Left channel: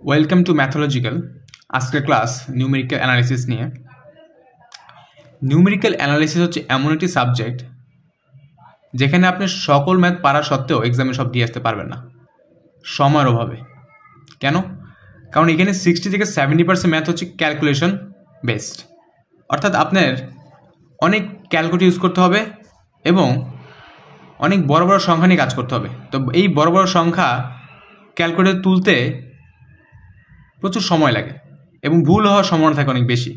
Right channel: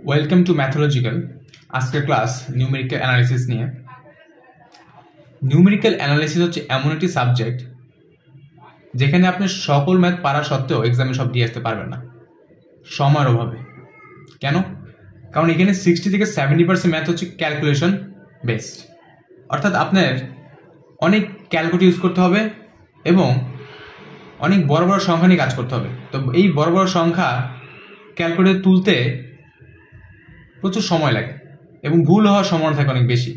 Welcome to mathological. আজকের class numerical analysis নিয়ে। Numerical analysis হচ্ছে এমন একটি সাবজেক্ট যেখানে আপনি সকল ম্যাথ পারা সত্ত্বেও এক্সামে সব দিয়ে আসতে পারবেন না সময়ের অভাবে। কেন? কারণ এখানে 60 থেকে 70% ম্যাথ হচ্ছে ক্যালকুলেশন বেসড, অর্থাৎ আপনার অনেক ক্যালকুলেটর ইউজ করতে হবে এবং অনেক বড় বড় সংখ্যা নিয়ে কাজ করতে হবে। তো এই বড় বড় সংখ্যা ক্যালকুলেটর তুলতে প্রচুর সময় লাগে এবং ভুল হওয়ার সম্ভাবনা থাকে অনেক বেশি।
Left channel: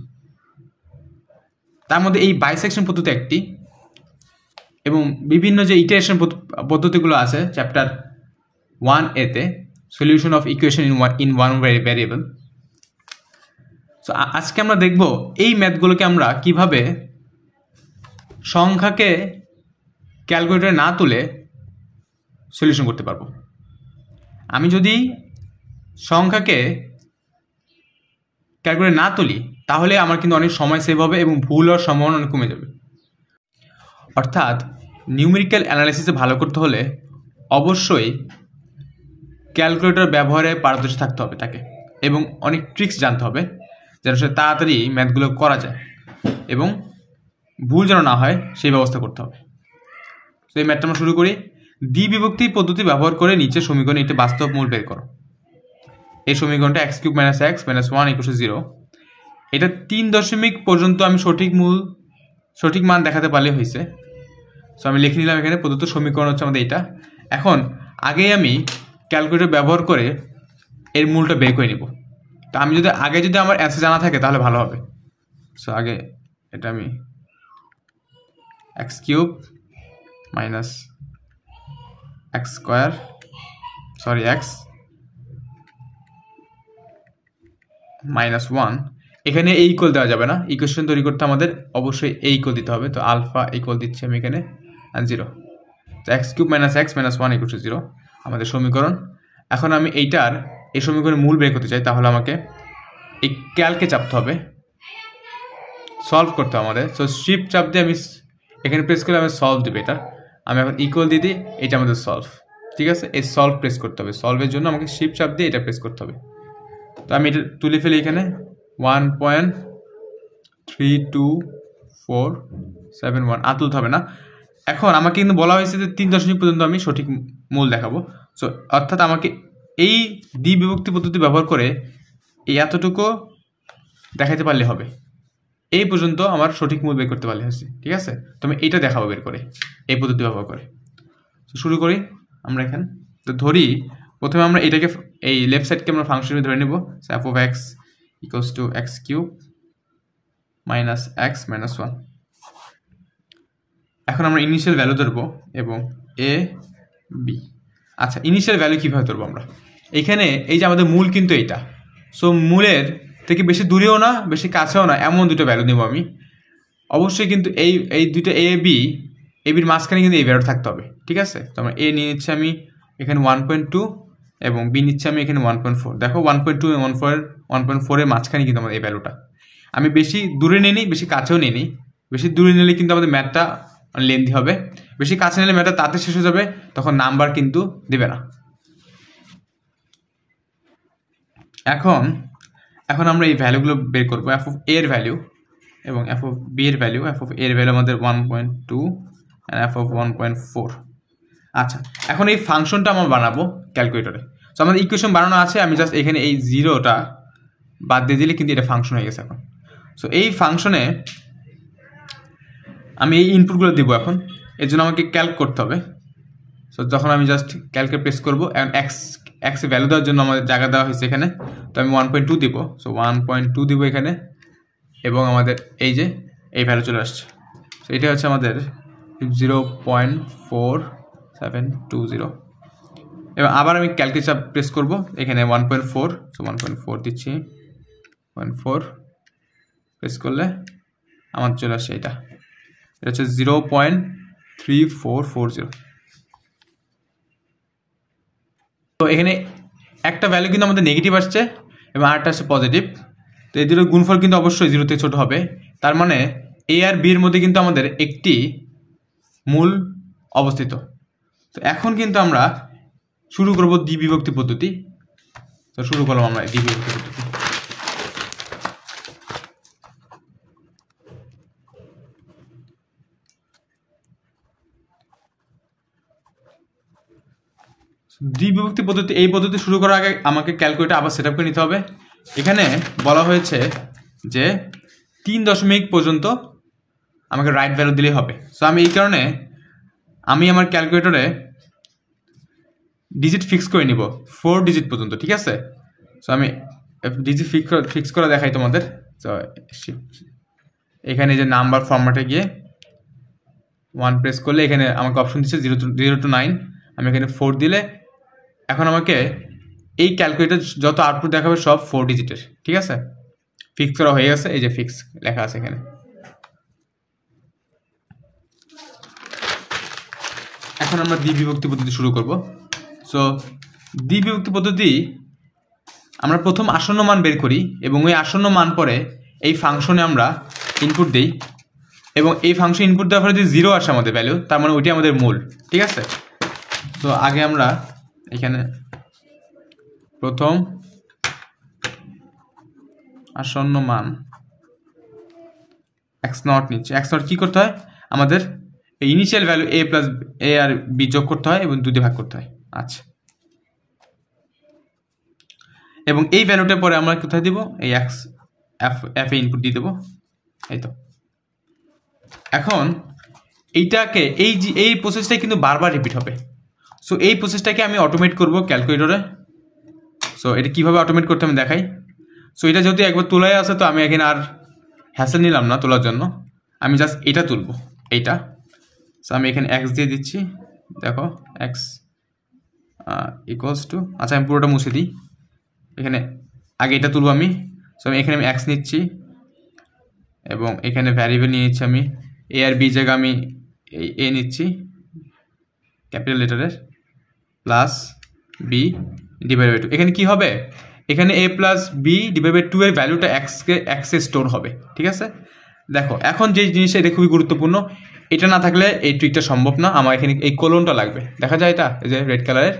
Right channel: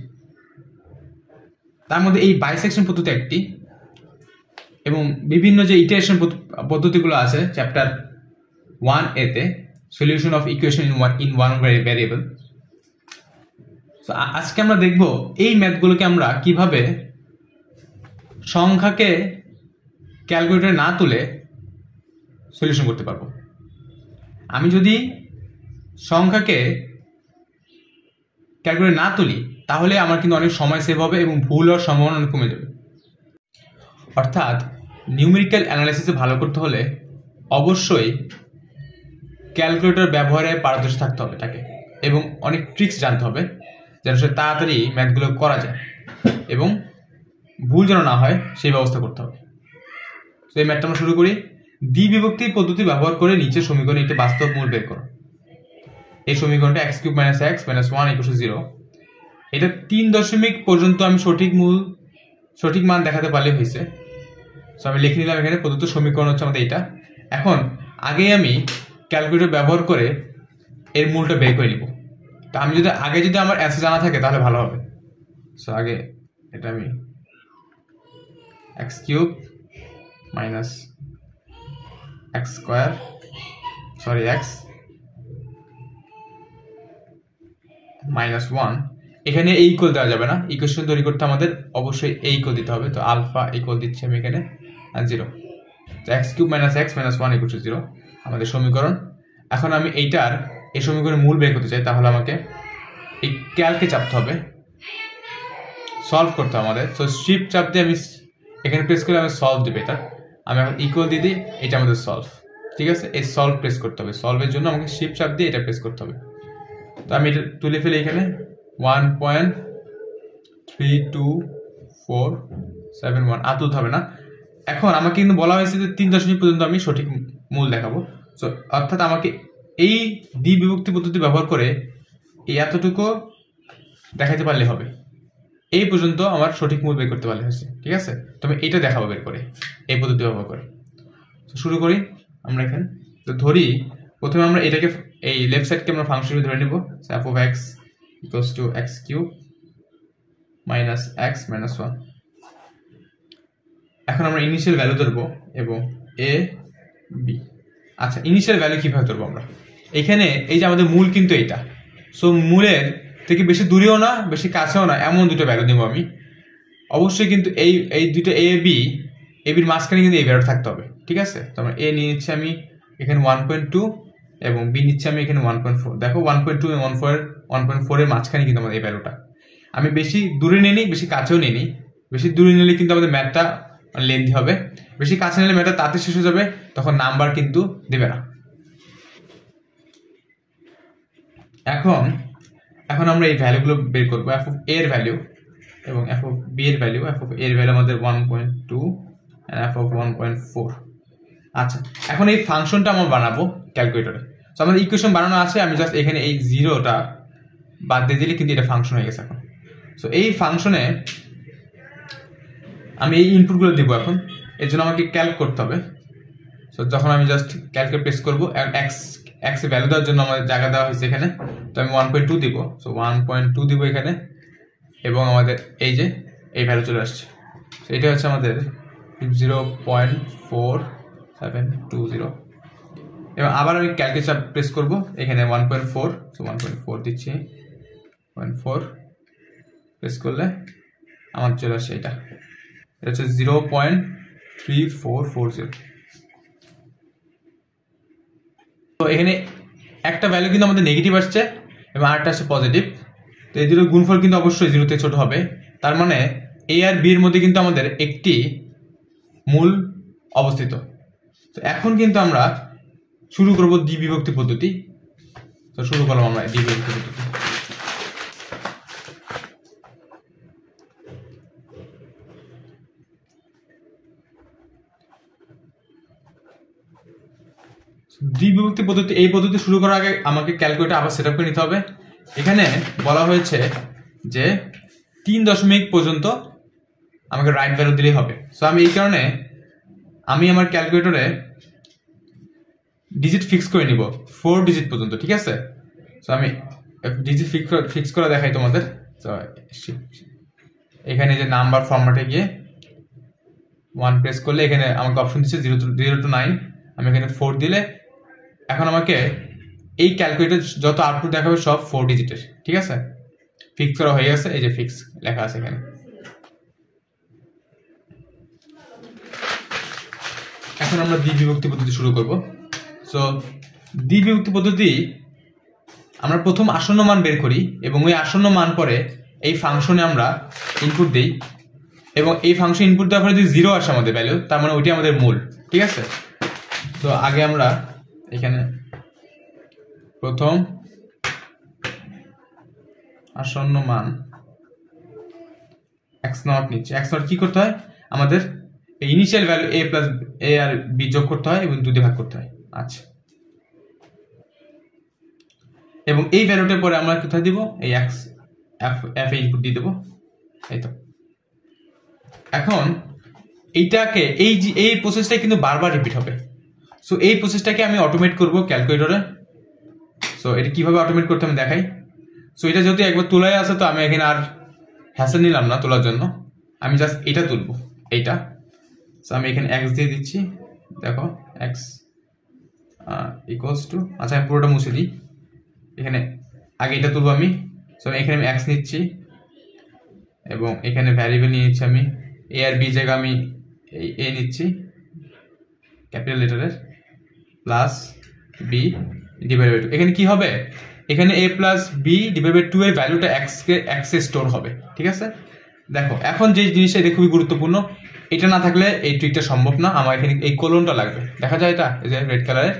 তার মধ্যে এই বাইসেকশন পদ্ধতি একটি, এবং বিভিন্ন যে ইটারেশন পদ্ধতিগুলো আছে চ্যাপ্টার 1A-তে, solution of equation in one variable. So আজকে আমরা দেখব এই ম্যাথগুলোকে আমরা কিভাবে সংখ্যাকে ক্যালকুলেটরে না তুলে সলিউশন করতে পারবো। আমি যদি সংখ্যাকে ক্যালকুলেটর না তুলি তাহলে আমার কিন্তু অনেক সময় সেভ হবে এবং ভুল হওয়ার সম্ভাবনা অনেক কমে যাবে। অর্থাৎ নিউমেরিক্যাল অ্যানালাইসিসে ভালো করতে হলে অবশ্যই ক্যালকুলেটর ব্যবহারে পারদর্শী থাকতে হবে তাকে, এবং অনেক ট্রিক্স জানতে হবে যেন সে তাড়াতাড়ি ম্যাথগুলো করা যায় এবং ভুল যেন না হয় সেই ব্যবস্থা করতে হবে। তো এই ম্যাথটা আমরা শুরু করি। দ্বিবিভক্তি পদ্ধতি ব্যবহার করে নিচে সমীকরণে একটি বাস্তব মূল বের করো। এই সমীকরণটা x³ - x - 1 = 0। এটা 3 দশমিক পর্যন্ত আমি সঠিক মান দেখাতে পারলে হয়েছে। সো আমি লিখে নিলাম এখানে প্রদত্ত সমীকরণ হচ্ছে আমাদের এটা। এখন আগে আমি ক্যালকুলেটর ব্যবহার করে এর মূলটা বের করে নিব। তো আমি যদি আমার অ্যান্সার জানা থাকে তাহলে ভালো হবে। সো আগে এটা আমি x³ - x² x -1, এখানে এই ইকুয়াল দেওয়া যাবে না। ইকুয়েশন তৈরি করতে আমাদের অবশ্যই এই ইকুয়াল দিতে হবে। তো আলফা ইকুয়াল দিচ্ছি আমি এখানে 0। তো x³ - x - 1 = 0 আমাদের সমীকরণ। এখন আমি এই সমীকরণের মূল বের করতে চাই, তাহলে আমাকে এই ক্যালকে চাপতে হবে, সলভ করতে হবে আমাদের। সো শিফট চাপ দিয়ে আমি এখানে প্রেস করে আমি সলভ দেবো। আমি এখন ইকুয়াল দিয়ে দিই, এটা আমাদের সলভ। ঠিক আছে, এই সলভ প্রেস করতে হবে। সলভের জন্য আমাকে শিফট চাপ দিয়ে এটা প্রেস করতে হবে। তো আমি এটা তুলে ফেলি এখানে 1.3247 আর তুলতে হবে না। এখন আমাকে কিন্তু বলা হয়েছে যে 3 দশমিক পর্যন্ত আমি সঠিক মূল দেখাবো। সো অর্থাৎ আমাকে এই দ্বিবিভক্তি পদ্ধতি ব্যবহার করে এই এতটুকু দেখাতে পারলে হবে। এই পর্যন্ত আমার সঠিক মূল বের করতে পারলে হয়েছে। ঠিক আছে, তো আমি এটা দেখাবো বের করে এই পদ্ধতি ব্যবহার করে। তো শুরু করি আমরা এখানে। তো ধরি প্রথমে আমরা এটাকে, এই লেফট সাইডকে আমরা ফাংশনে ধরে নেব। f(x) = x³ - x - 1। এখন আমরা ইনিশিয়াল ভ্যালু ধরবো এবং a b। আচ্ছা, ইনিশিয়াল ভ্যালু কিভাবে ধরবো আমরা? এখানে এই যে আমাদের মূল কিন্তু এইটা। সো মূলের থেকে বেশি দূরেও না বেশি কাছেও না এমন দুটো ভ্যালু নেব আমি। অবশ্যই কিন্তু এই দুটো এবির মাঝখানে কিন্তু এই ভ্যালু থাকতে হবে। ঠিক আছে, তো আমরা a নিয়ে নিচ্ছি আমি এখানে 1.2 এবং বি নিচ্ছি আমি এখানে 1.4। দেখো 1.2 এবং 1.4 এর মাঝখানে কিন্তু আমাদের এই ভ্যালুটা। আমি বেশি দূরে নিই, বেশি কাছেও নিই। বেশি দূরে নিলে কিন্তু আমাদের ম্যাথটা লেন্দি হবে, বেশি কাছে নিলে ম্যাথটা তাড়াতাড়ি শেষ হয়ে যাবে, তখন নাম্বার কিন্তু দেবে না। এখন আমরা এই ভ্যালুগুলো বের করবো। f(a) এর ভ্যালু এবং f(b) এর ভ্যালু। f(a) এর ভ্যালু আমাদের 1.2 and f(1.4). আচ্ছা, এখন এই ফাংশনটা আমরা বানাবো ক্যালকুলেটরে। সো আমাদের ইকুয়েশন বানানো আছে, আমি জাস্ট এখানে এই 0টা বাদ দিয়ে দিলে কিন্তু এটা ফাংশন হয়ে গেছে এখন। সো এই ফাংশনে আমি এই ইনপুটগুলো দিব। এখন এর জন্য আমাকে ক্যালক করতে হবে। সো যখন আমি জাস্ট ক্যালকে প্রেস করবো, x এর ভ্যালু দেওয়ার জন্য আমাদের জায়গা দেওয়া হয়েছে এখানে। তো আমি 1.2 দিব। সো 1.2 দিব এখানে, এবং আমাদের এই যে এই ভ্যালু চলে আসছে। তো এটা হচ্ছে আমাদের 0.4720। এবং আবার আমি ক্যালকে চাপ প্রেস করবো এখানে 1.4। সো 1.4 দিচ্ছি, 0.4 প্রেস করলে আমার চলে আসছে এটা হচ্ছে 0.3440। তো এখানে একটা ভ্যালু কিন্তু আমাদের নেগেটিভ আসছে এবং আরেকটা আসছে পজিটিভ। তো এই দুটো গুণফল কিন্তু অবশ্যই 0 থেকে ছোট হবে। তার মানে a আর b এর মধ্যে কিন্তু আমাদের একটি মূল অবস্থিত। তো এখন কিন্তু আমরা শুরু করব দ্বিবিভক্তি পদ্ধতি। তো শুরু করলাম আমরা ডি বিভক্তি পদ্ধতি। ডি বিভক্তি পদ্ধতি, এই পদ্ধতি শুরু করার আগে আমাকে ক্যালকুলেটর আবার সেট আপ করে নিতে হবে। এখানে বলা হয়েছে যে 3 দশমিক পর্যন্ত আমাকে রাইট ভ্যালু দিলেই হবে। সো আমি এই কারণে আমি আমার ক্যালকুলেটরে ডিজিট ফিক্স করে নিব 4 ডিজিট পর্যন্ত, ঠিক আছে। সো আমি ডিজিট ফিক্স করে দেখাই তোমাদের। সো এখানে যে নাম্বার ফরম্যাটে গিয়ে 1 প্রেস করলে এখানে আমাকে অপশন দিচ্ছে 0 to 9, আমি এখানে 4 দিলে এখন আমাকে এই ক্যালকুলেটর যত আউটপুট দেখাবে সব 4 ডিজিটের, ঠিক আছে। ফিক্স করা হয়ে গেছে, এই যে ফিক্স লেখা আছে এখানে। এখন আমরা দ্বি বিভক্তি পদ্ধতি শুরু করব। সো দ্বি বিভক্তি পদ্ধতি আমরা প্রথম আসন্ন মান বের করি এবং ওই আসন্ন মান পরে এই ফাংশনে আমরা ইনপুট দিই এবং এই ফাংশন ইনপুট দেওয়ার পরে যদি 0 আসে আমাদের ভ্যালু, তার মানে ওইটাই আমাদের মূল, ঠিক আছে। তো আগে আমরা এখানে প্রথম আসন্ন মান x0 নিচ্ছে। x0 কি করতে হয়, আমাদের initial value a plus a আর b যোগ করতে হয় এবং 2 দিয়ে ভাগ করতে হয়। আচ্ছা, এবং এই ভ্যালুটা পরে আমরা কোথায় দিব, এই f এ ইনপুট দিয়ে দেবো, এই তো। এখন এইটাকে এই প্রসেসটা কিন্তু বারবার রিপিট হবে। সো এই প্রসেসটাকে আমি অটোমেট করব ক্যালকুলেটরে। সো এটা কিভাবে অটোমেট করতে আমি দেখাই। সো এটা যেহেতু একবার তোলাই আছে, তো আমি এখানে আর হ্যাসেল নিলাম না তোলার জন্য, আমি জাস্ট এটা তুলবো, এইটা। সো আমি এখানে x দিয়ে দিচ্ছি, দেখো x ইকুয়ালস টু, আচ্ছা আমি পুরোটা মুছে দিই, এখানে আগে এটা তুলবো আমি। সো এখানে আমি x নিচ্ছি এবং এখানে ভ্যারিয়েবল নিয়ে নিচ্ছি আমি a আর b জায়গা আমি a নিচ্ছি ক্যাপিটাল লেটারের, প্লাস b ডিভাইড বাই 2। এখানে কি হবে, এখানে a plus b divide by 2 এর ভ্যালুটা x এ স্টোর হবে, ঠিক আছে। দেখো এখন যে জিনিসটা এটা খুবই গুরুত্বপূর্ণ, এটা না থাকলে এই ট্রিকটা সম্ভব না। আমার এখানে এই কোলনটা লাগবে, দেখা যায় এটা, এই যে রেড কালারের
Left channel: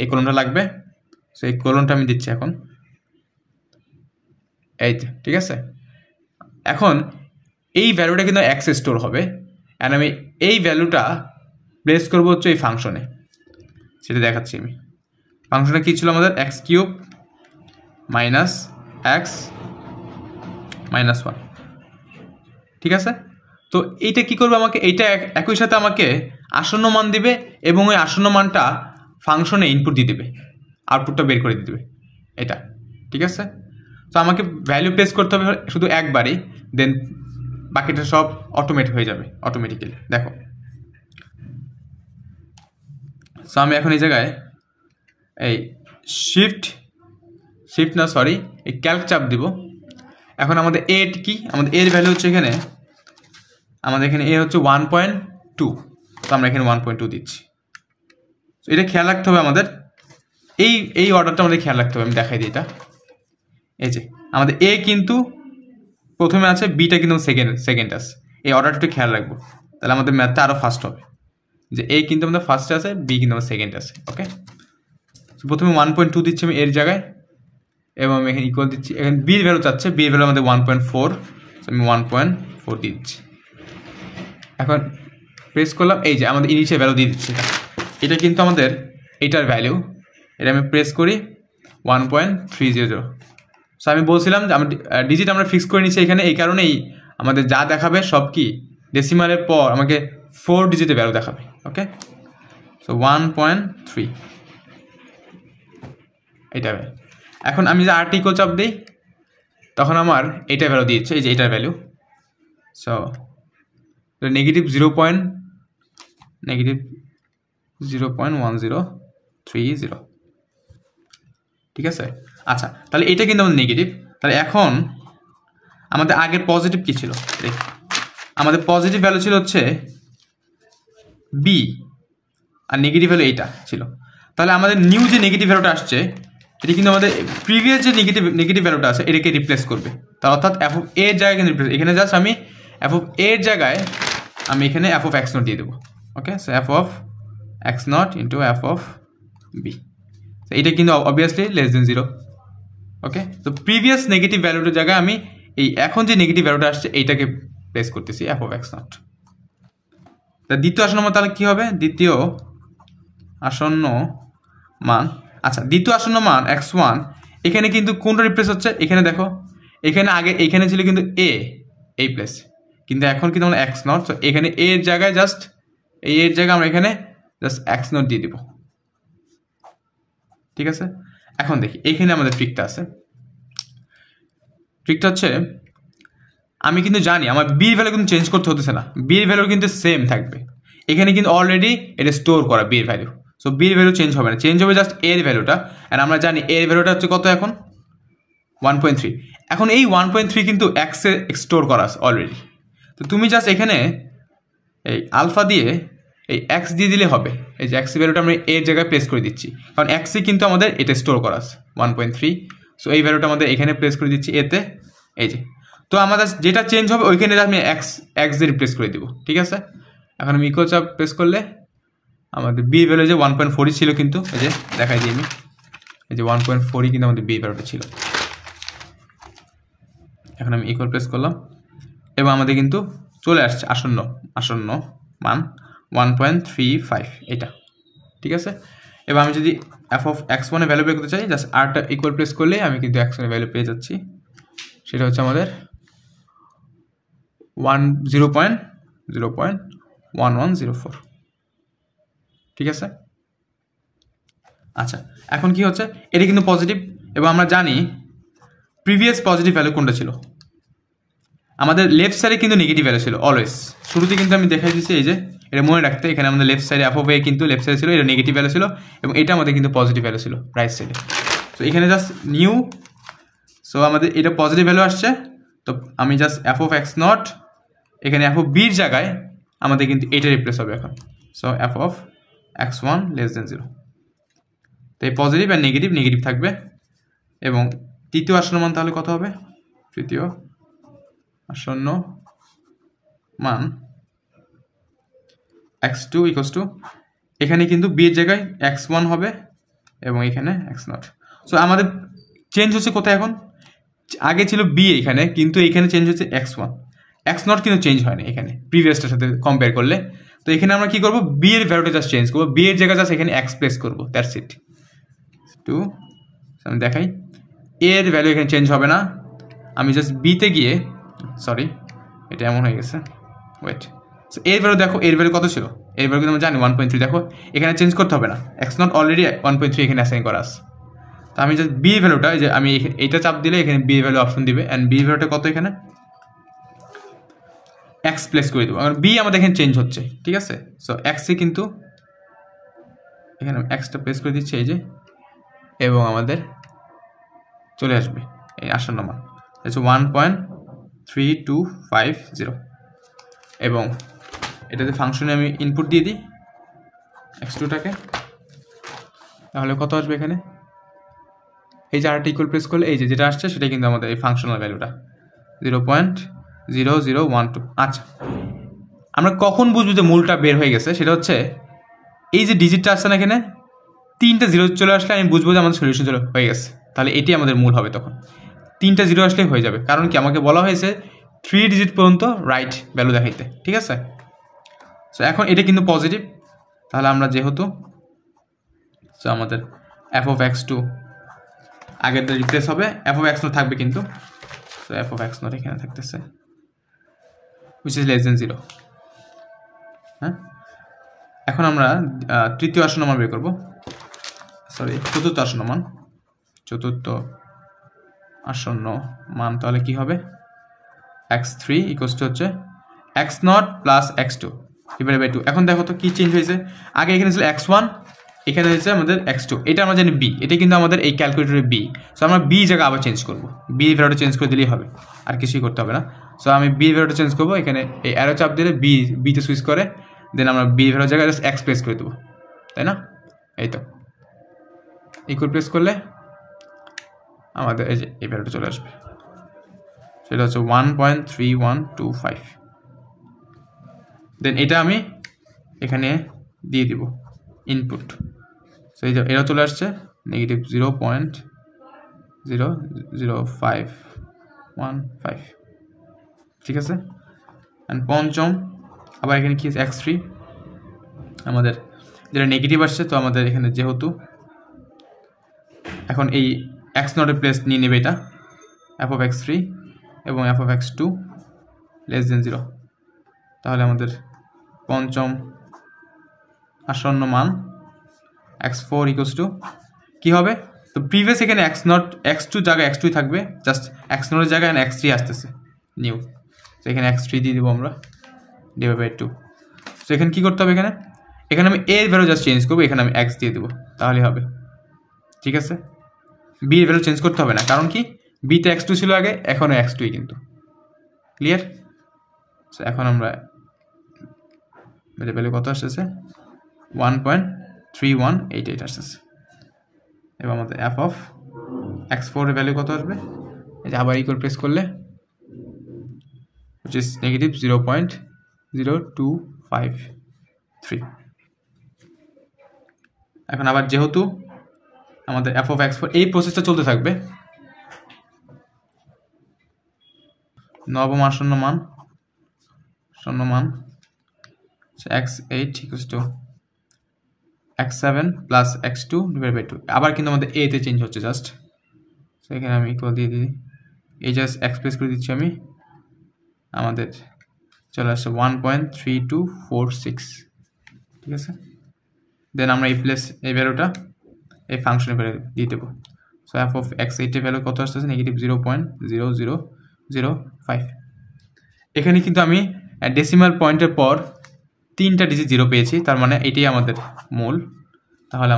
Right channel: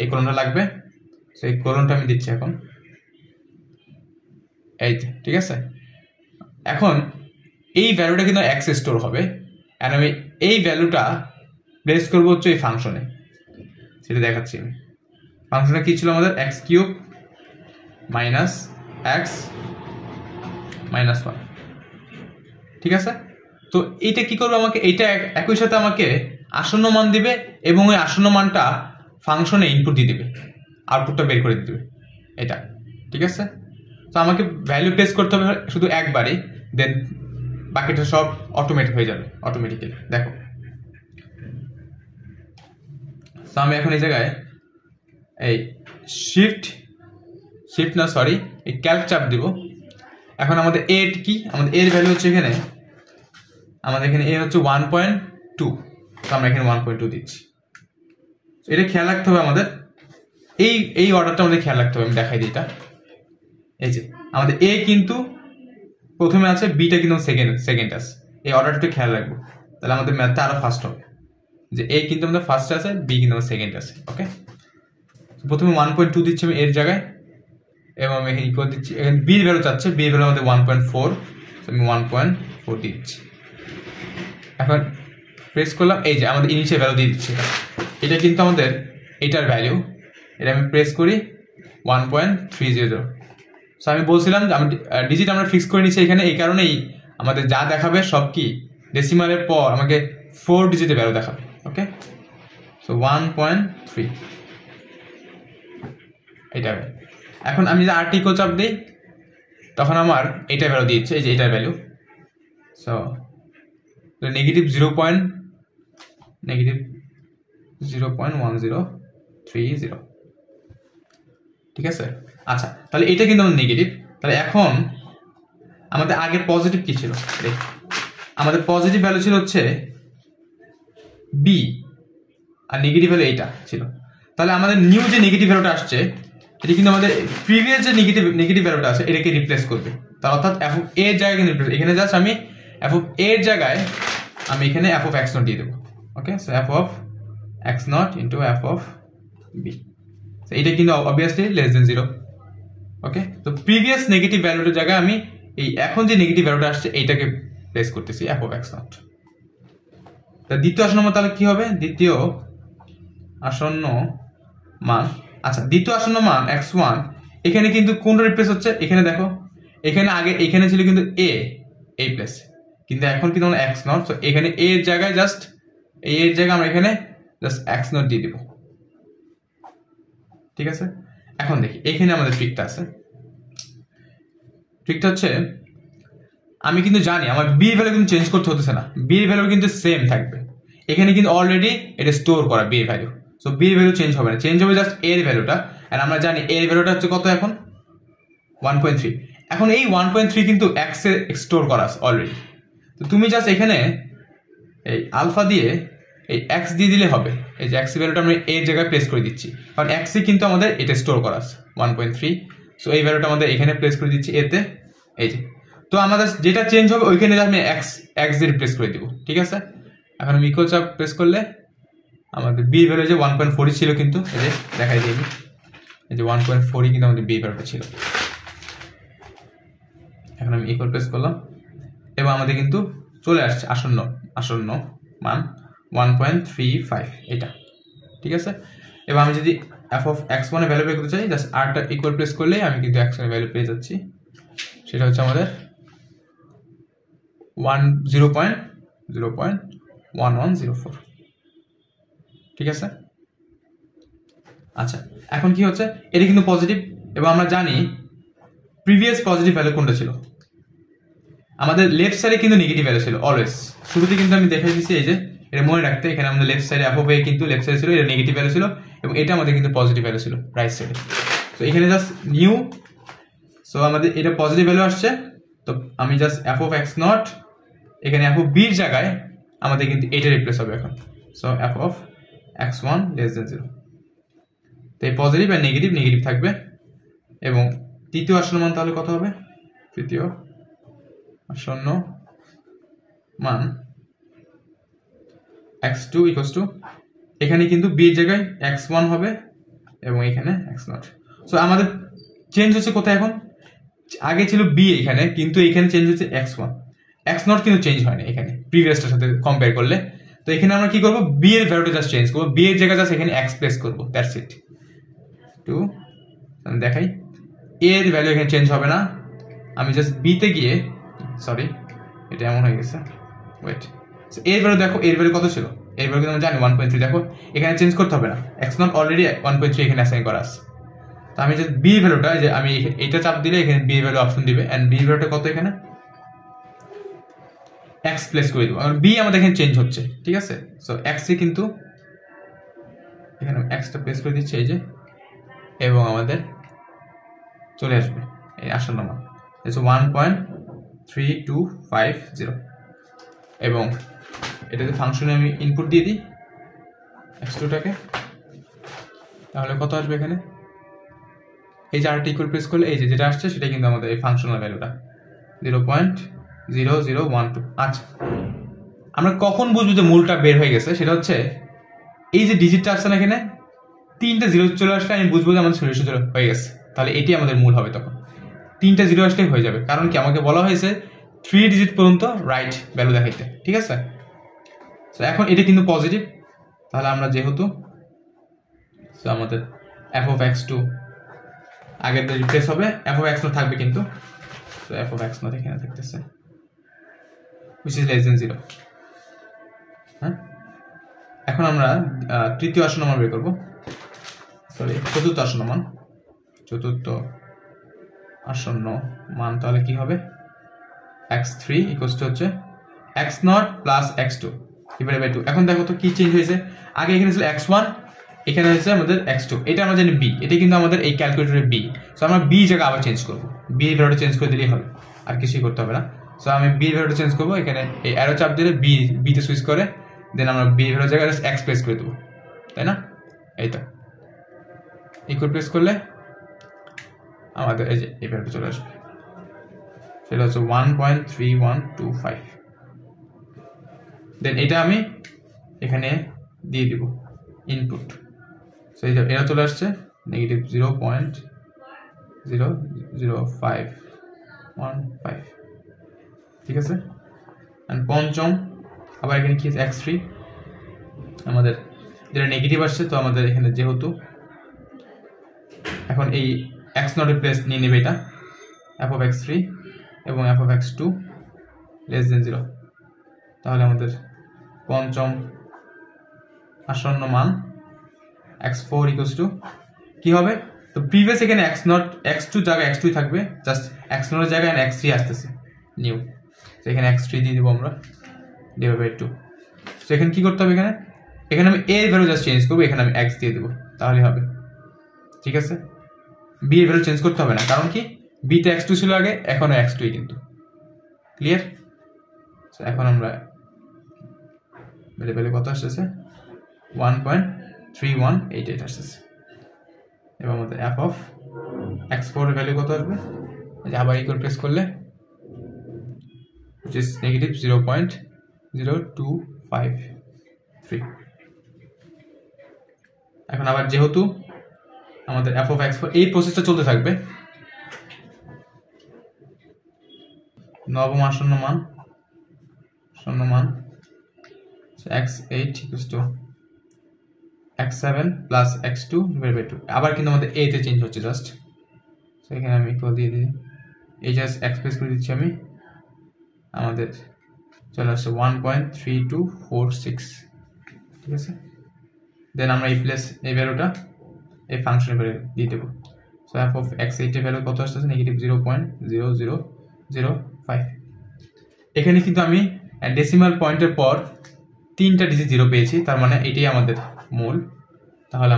এই কোলনটা লাগবে। সো এই কোলনটা আমি দিচ্ছি এখন, এই ঠিক আছে। এখন এই ভ্যালুটা কিন্তু x এ স্টোর হবে, আর আমি এই ভ্যালুটা প্লেস করবো হচ্ছে এই ফাংশনে, সেটা দেখাচ্ছি আমি। ফাংশনে কি ছিল আমাদের, x cube minus x minus 1, ঠিক আছে। তো এইটা কি করবে, আমাকে এইটা একই সাথে আমাকে আসন্ন মান দিবে এবং ওই আসন্ন মানটা ফাংশনে ইনপুট দিয়ে দেবে, আউটপুটটা বের করে দিবে, এটা ঠিক আছে। তো আমাকে ভ্যালু প্লেস করতে হবে শুধু একবারই, দেন বাকিটা সব অটোমেট হয়ে যাবে অটোমেটিক্যালি। দেখো, সো আমি এখন এই জায়গায় এই শিফট না সরি এই ক্যালক চাপ দিব। এখন আমাদের এ কি, আমাদের এর ভ্যালু হচ্ছে এখানে, আমাদের এখানে এ হচ্ছে 1.2, তো আমরা এখানে 1.2 দিচ্ছি। তো এটা খেয়াল রাখতে হবে আমাদের, এই অর্ডারটা আমাদের খেয়াল রাখতে হবে। আমি দেখাই দিই এটা, এই যে আমাদের এ কিন্তু প্রথমে আছে, বিটা কিন্তু সেকেন্ড আছে, এই অর্ডারটা একটু খেয়াল রাখবো, তাহলে আমাদের ম্যাথটা আরো ফাস্ট হবে। যে এ কিন্তু আমাদের ফার্স্টে আছে, বি কিন্তু আমাদের সেকেন্ড আছে, ওকে। প্রথমে 1.2 দিচ্ছি আমি এর জায়গায়, এবং আমি এখানে ইকুয়াল দিচ্ছি, এখানে বির ভ্যালু চাচ্ছে, বির ভ্যালু আমাদের 1.4, আমি 1.4 দিচ্ছি। এখন প্রেস করলাম, এই যে আমাদের ইনিশিয়াল ভ্যালু দিয়ে দিচ্ছি, এটা কিন্তু আমাদের এটার ভ্যালু, এটা আমি প্রেস করি 1.30। সো আমি বলছিলাম যে আমরা ডিজিট আমরা ফিক্স করে নিচ্ছি এখানে, এই কারণেই আমাদের যা দেখাবে সব কি ডেসিমালের পর আমাকে 4 ডিজিটের ভ্যালু দেখাবে, ওকে। সো 1.3 এটা। এখন আমি যে আর্ট ইকুয়াল চাপ দিই, তখন আমার এটা ভ্যালু দিচ্ছে, এই যে এটার ভ্যালু। সো নেগেটিভ 0.1030, ঠিক আছে। আচ্ছা, তাহলে এটা কিন্তু আমাদের নেগেটিভ। তাহলে এখন আমাদের আগের পজিটিভ কি ছিল, আমাদের পজিটিভ ভ্যালু ছিল হচ্ছে বি, আর নেগেটিভ ভ্যালু এইটা ছিল। তাহলে আমাদের নিউ যে নেগেটিভ ভ্যালুটা আসছে, এটা কিন্তু আমাদের প্রিভিয়াস যে নেগেটিভ ভ্যালুটা আছে এটাকে রিপ্লেস করবে। তার অর্থাৎ এফ অফ এর জায়গায় কিন্তু রিপ্লেস, এখানে জাস্ট আমি এফ অফ এর জায়গায় আমি এখানে এফ অফ এক্স নট দিয়ে দেবো, okay. So f of x naught into f of b, এটা কিন্তু অবভিয়াসলি লেস দেন 0, ওকে, তো প্রিভিয়াস নেগেটিভ ভ্যালুটার জায়গায় আমি এই এখন যে নেগেটিভ ভ্যালুটা আসছে এইটাকে প্লেস করতেছি f of x0। তা দ্বিতীয় আসন্ন মান তাহলে কি হবে? দ্বিতীয় আসন্ন মান, আচ্ছা দ্বিতীয় আসন্ন মান x1, এখানে কিন্তু কোনটা রিপ্লেস হচ্ছে? এখানে দেখো, এখানে আগে এখানে ছিল কিন্তু a এই প্লেস, কিন্তু এখন কিন্তু আমরা x0, তো এখানে a এর জায়গায় জাস্ট এই এর জায়গায় আমরা এখানে জাস্ট x0 দিয়ে দিব। ঠিক আছে, এখন দেখি এখানে আমাদের ট্রিকটা আছে। ট্রিকটা হচ্ছে আমি কিন্তু জানি আমার b এর ভ্যালু কিন্তু চেঞ্জ করতে হতেছে না, b এর ভ্যালু কিন্তু সেম থাকবে। এখানে কিন্তু অলরেডি এটা স্টোর করা b এর ভ্যালু, সো b এর ভ্যালু চেঞ্জ হবে না, চেঞ্জ হবে জাস্ট a এর ভ্যালুটা। আর আমরা জানি a এর ভ্যালুটা হচ্ছে কত এখন? 1.3। এখন এই 1.3 কিন্তু x এ স্টোর করা আছে অলরেডি, তো তুমি জাস্ট এখানে এই আলফা দিয়ে এই x দিয়ে দিলে হবে। এই যে x এর ভ্যালুটা আমরা a এর জায়গায় প্লেস করে দিচ্ছি, কারণ x এ কিন্তু আমাদের এটা স্টোর করা আছে 1.3, সো এই ভ্যালুটা আমাদের এখানে প্লেস করে দিচ্ছি a তে। এই যে, তো আমাদের যেটা চেঞ্জ হবে ওইখানে আমি x দিয়ে রিপ্লেস করে দিব। ঠিক আছে, এখন আমি ইকুয়াল চাপ প্রেস করলে আমাদের b এর ভ্যালু যে 1.4 ছিল, কিন্তু এই যে দেখাই দিই আমি, এই যে 1.4 কিন্তু আমাদের b এর ভ্যালুটা ছিল। এখন আমি ইকুয়াল প্রেস করলাম এবং আমাদের কিন্তু চলে আসছে আসন্ন মান 1.35 এটা। ঠিক আছে, এবার আমি যদি f of x1 এর ভ্যালু বের করতে চাই, জাস্ট আরটা ইকুয়াল প্রেস করলে আমি কিন্তু x1 এর ভ্যালু পেয়ে যাচ্ছি। সেটা হচ্ছে আমাদের 0.1104। ঠিক আছে, আচ্ছা এখন কি হচ্ছে, এটা কিন্তু পজিটিভ এবং আমরা জানি প্রিভিয়াস পজিটিভ ভ্যালু কোনটা ছিল? আমাদের লেফট সাইডে কিন্তু নেগেটিভ ভ্যালু ছিল অলওয়েজ। শুরুতে কিন্তু আমি দেখাই দিচ্ছি, এই যে এটা মনে রাখতে, এখানে আমাদের লেফট সাইডে f of a কিন্তু লেফট সাইডে ছিল, এটা নেগেটিভ ভ্যালু ছিল, এবং এটা আমাদের কিন্তু পজিটিভ ভ্যালু ছিল রাইট সাইডে। তো এখানে জাস্ট নিউ, সো আমাদের এটা পজিটিভ ভ্যালু আসছে, তো আমি জাস্ট f of x0, এখানে f of b এর জায়গায় আমাদের কিন্তু এটা রিপ্লেস হবে এখন, so f of x1 less than 0। তো এই পজিটিভ আর নেগেটিভ নেগেটিভ থাকবে। এবং তৃতীয় আসন্ন মান তাহলে কত হবে? তৃতীয় আসন্ন মান x2 equals to, এখানে কিন্তু b এর জায়গায় x1 হবে এবং এখানে x0। সো আমাদের চেঞ্জ হচ্ছে কোথায় এখন? আগে ছিল b এখানে, কিন্তু এখানে চেঞ্জ হচ্ছে x1, x0 কিন্তু চেঞ্জ হয় না এখানে প্রিভিয়াসটার সাথে কম্পেয়ার করলে। তো এখানে আমরা কি করব? b এর ভ্যালুটা জাস্ট চেঞ্জ করব, b এর জায়গায় জাস্ট এখানে x প্লেস করব, দ্যাটস ইট। টু আমি দেখাই, a এর ভ্যালু এখানে চেঞ্জ হবে না, আমি জাস্ট b তে গিয়ে, সরি এটা এমন হয়ে গেছে, ওয়েট, সো এর ভ্যালু দেখো, এর ভ্যালু কত ছিল? এর ভ্যালু কিন্তু আমরা জানি 1.3, দেখো এখানে চেঞ্জ করতে হবে না, x0 অলরেডি 1.3 এখানে অ্যাসাইন করা আছে। তো আমি জাস্ট b এর ভ্যালুটা, যে আমি এটা চাপ দিলে এখানে b এর ভ্যালু অপশন দিবে, এন্ড b এর ভ্যালুটা কত? এখানে x প্লেস করে দেবো, কারণ b আমাদের এখানে চেঞ্জ হচ্ছে। ঠিক আছে, সো x এ কিন্তু এখানে x টা প্লেস করে দিচ্ছি, এই যে, এবং আমাদের চলে আসবে এই আসন্ন মান 1.3250, এবং এটাতে ফাংশনে আমি ইনপুট দিয়ে দিই x2টাকে, তাহলে কত আসবে এখানে? এই যে আরটা ইকুয়াল প্রেস করলে এই যে যেটা আসছে সেটা কিন্তু আমাদের এই ফাংশনাল ভ্যালুটা 0.0012। আচ্ছা, আমরা কখন বুঝবো যে মূলটা বের হয়ে গেছে? সেটা হচ্ছে এই যে ডিজিটটা আসছে না, এখানে 3টা জিরো চলে আসলে আমি বুঝবো যে আমাদের সলিউশন হয়ে গেছে, তাহলে এটি আমাদের মূল হবে। তখন 3টা জিরো আসলেই হয়ে যাবে, কারণ কি আমাকে বলা হয়েছে 3 ডিজিট পর্যন্ত রাইট ভ্যালু দেখাইতে। ঠিক আছে, সো এখন এটা কিন্তু পজিটিভ, তাহলে আমরা যেহেতু, সো আমাদের f of x2 আগের রিপ্লেস হবে, f of x0 থাকবে কিন্তু, সো f of x0 এখানে থাকতেছে which is less than 0। হ্যাঁ, এখন আমরা তৃতীয় আসন্ন মান বের করবো, সরি চতুর্থ আসন্ন মান। চতুর্থ আসন্ন মান তাহলে কি হবে? x3 equals to হচ্ছে x0 plus x2 divided by 2। এখন দেখো তো কি চেঞ্জ হয়েছে, আগে এখানে ছিল x1, এখানে হয়েছে আমাদের x2, এটা আমরা জানি b, এটা কিন্তু আমাদের এই ক্যালকুলেটরে b, সো আমরা b জায়গা আবার চেঞ্জ করব, b এর ভ্যালুটা চেঞ্জ করে দিলেই হবে, আর কিছুই করতে হবে না। সো আমি b এর ভ্যালুটা চেঞ্জ করব, এখানে এই অ্যারো চাপ দিলে b তে সুইচ করে, দেন আমরা b এর ভ্যালুর জায়গায় x প্লেস করে দেবো, তাই না? এই তো ইকুয়াল প্রেস করলে আমাদের এই যে এই ভ্যালুটা চলে আসবে, সেটা হচ্ছে 1.3125। দেন এটা আমি এখানে দিয়ে দিব ইনপুট, সো এই যে এটা চলে আসছে নেগেটিভ 0 0 5 1 5, ঠিক আছে। অ্যান্ড পঞ্চম আবার এখানে কি আছে x3, আমাদের যেটা নেগেটিভ আসছে, তো আমাদের এখানে যেহেতু এখন এই x0 এর প্লেস নিয়ে নেবে এটা f of x3 এবং f of x2 less than 0, তাহলে আমাদের পঞ্চম আসন্ন মান x4 ইকুয়ালস টু কি হবে, তো প্রিভিয়াস এখানে x2 জায়গায় x2 থাকবে, জাস্ট x0 এর জায়গায় x3 আসতেছে নিউ, তো এখানে x3 দিয়ে দেবো আমরা ডিভাইড বাই 2। তো এখানে কি করতে হবে, এখানে আমি a এর ভ্যালু জাস্ট চেঞ্জ করবো, এখানে আমি x দিয়ে দেবো, তাহলে হবে, ঠিক আছে। b এর ভ্যালু চেঞ্জ করতে হবে না, কারণ কি b তে x2 ছিল আগে, এখন x2 কিন্তু, ক্লিয়ার। সো এখন আমরা ভ্যালু কত আসতেছে 1.3188 আসতেছে, এবং আমাদের f of x4 এর ভ্যালু কত আসবে, এই যে আবার ইকুয়াল প্রেস করলে which is negative 0.0253। এখন আবার যেহেতু আমাদের f of x4 এই প্রসেসটা চলতে থাকবে, নবম আসন্ন মান x8 equals to x7 plus x2 divided by 2, আবার কিন্তু আমাদের a তে চেঞ্জ হচ্ছে জাস্ট, সো এখানে আমি ইকুয়াল দিয়ে দিই, এই জাস্ট এক্সপ্রেস করে দিচ্ছি আমি, আমাদের চলে আসছে 1.3246, ঠিক আছে। দেন আমরা এই ভ্যালুটা এই ফাংশনে দিয়ে দেবো, সো f of x8 এর ভ্যালু কত আসতেছে নেগেটিভ 0.0005। এখানে কিন্তু আমি ডেসিমাল পয়েন্টের পর 3টা ডিজিট 0 পেয়েছি, তার মানে এটাই আমাদের মূল। তাহলে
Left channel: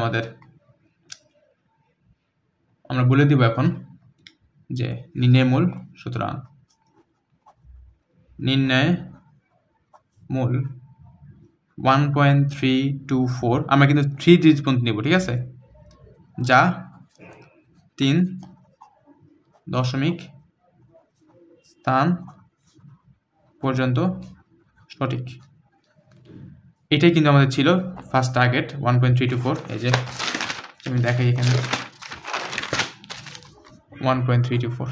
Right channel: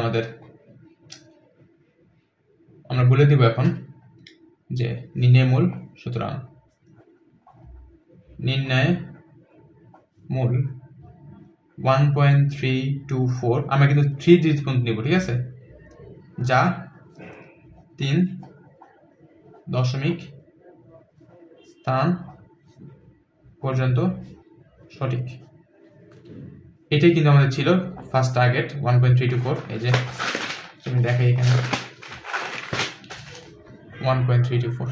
আমরা বলে দিব এখন যে নির্ণয় মূল, সুতরাং নির্ণয় মূল 1.324, আমরা কিন্তু 3 ডিজিট পর্যন্ত নিব, ঠিক আছে, যা 3 দশমিক স্থান পর্যন্ত সঠিক। এটাই কিন্তু আমাদের ছিল ফার্স্ট টার্গেট 1.324, এই যে আমি দেখাই এখানে 1.324।